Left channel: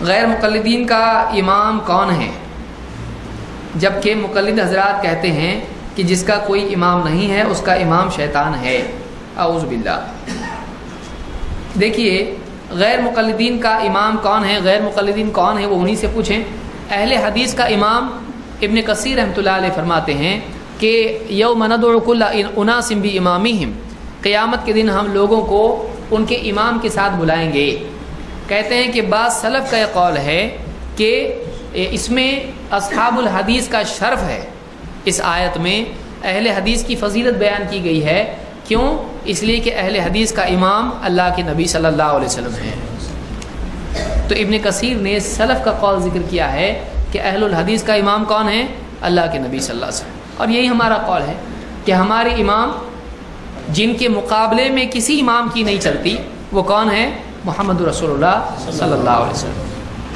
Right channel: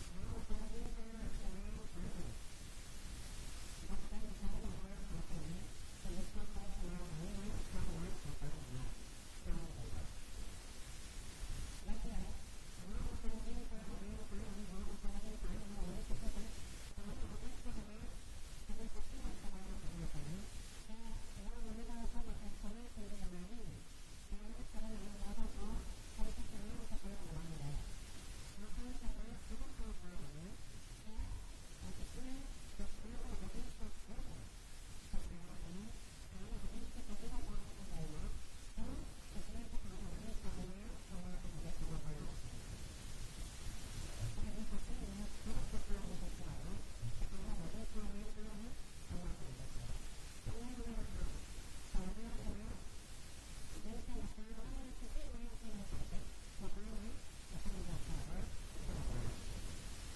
غیر مقلدین کا امام کون ہے؟ جبکہ مقلد حضرات کہتے ہیں کہ جس کا کوئی امام نہیں ہے اس کا امام شیطان ہے، اعوذ باللہ۔ دیکھیے غیر مقلدین کا امام کون ہے، غیر مقلدین کون ہے وہ انہی سے پوچھیں۔ اہل حدیث کا امام ابن کثیر رحمۃ اللہ علیہ فرماتے ہیں کہ یوم ندعو کل اناس بامامہم، قیامت کے دن ہم لوگوں کو ان کے امام کے ساتھ بلائیں گے۔ کہتے ہیں کہ بعض سلف کا یہ قول ہے کہ اس میں اصحاب الحدیث کا شرف ہے، اس آیت میں اہل حدیث کی فضیلت بیان کی گئی ہے۔ کیوں؟ اس لیے کہ اہل حدیث کا امام اللہ کے نبی صلی اللہ علیہ وسلم ہے۔ تو ابن کثیر نے سلف کا قول ذکر کیا ہے کہ اہل الحدیث کا امام کون ہے؟ اللہ کے نبی صلی اللہ علیہ وسلم۔ اور یہی ہمارا قول ہے کہ ہمارے امام جن کے مقابلے میں کسی امام کی نہیں چلتی وہ کون ہے؟ محمد رسول اللہ صلی اللہ علیہ وسلم۔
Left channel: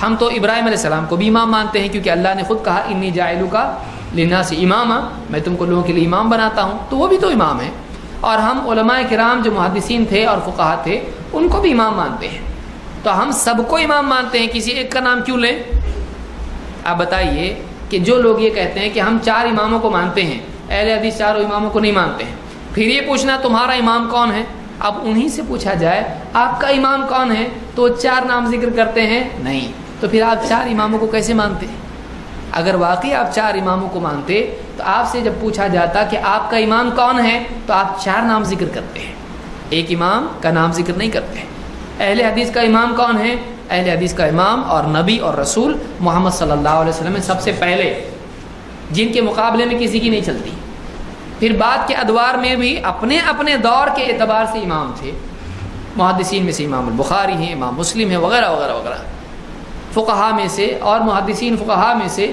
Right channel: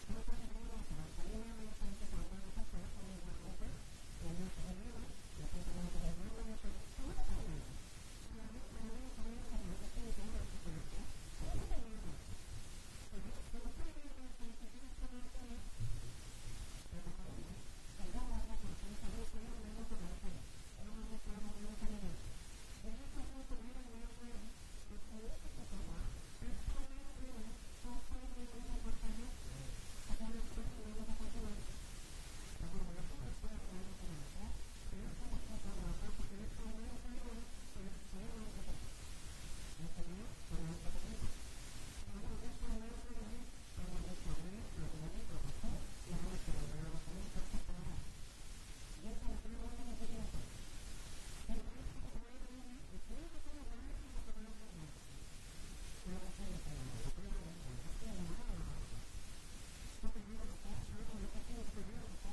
ہم تو ابراہیم علیہ السلام کو بھی امام مانتے ہیں، کیونکہ اللہ نے خود کہا انی جاعلک للناس اماما، میں تم کو لوگوں کے لیے امام بناتا ہوں، تو وہ بھی تو امام ہے۔ اور ہم علماء کرام جو محدثین تھے اور فقہا تھے ان کو بھی امام مانتے ہیں، تو ہم سب کو امام مانتے ہیں، کسی ایک کا نام کیوں لیں؟ آپ بتائیے کہ جو لوگ یہ کہتے ہیں کہ ہم 4 اماموں کو مانتے ہیں، اہل حدیث 4 اماموں کو نہیں مانتے ہیں، پھر یہ پوچھنا تمہارا امام کون ہے؟ اب انہی سے پوچھا جائے آپ کا امام کون ہے تو 4 نام ذکر کرتے ہیں نہیں، تو پھر آپ 4 اماموں کو کیسے مانتے ہیں؟ اگر واقعی آپ 4 اماموں کو مانتے تو آپ سے جب پوچھا جاتا کہ آپ کا امام کون ہے تو آپ 4 نام ذکر کرتے ہیں، ایک امام کا نام ذکر نہیں کرتے ہیں۔ اہل حدیث کا امام کون ہے؟ اہل حدیث کا امام اور نبی اور رسول محمد صلی اللہ علیہ وسلم سب سے پہلے، جن کے مقابلے میں کسی کی نہیں چلتی۔ پھر بعد کے ادوار میں بھی اپنے اپنے دور کے اعتبار سے امام تھے، محدثین میں سے امام البخاری ہیں، امام مسلم ہیں، وغیرہ وغیرہ وغیرہ۔ فقہا میں سے اور محدثین فقہا میں سے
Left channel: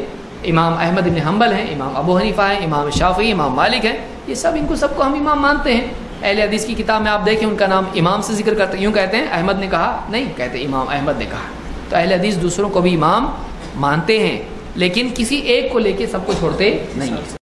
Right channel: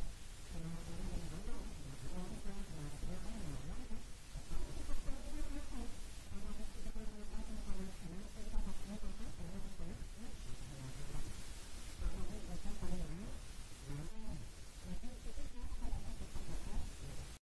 امام احمد بن حنبل ہیں، امام ابو حنیفہ ہیں، امام شافعی، امام مالک ہیں، یہ سب ان کو سب کو ہم امام مانتے ہیں۔ اہل حدیث کی کتاب میں آپ دیکھیں ان کا نام امام سے ذکر کرتے ہیں، یوں کہتے ہیں احمد نے کہا، نہیں کہتے امام احمد نے کہا۔ تو اہل حدیث دوسروں کو بھی امام مانتے ہیں، لیکن کسی ایک کو لے کے سب کو چھوڑتے نہیں۔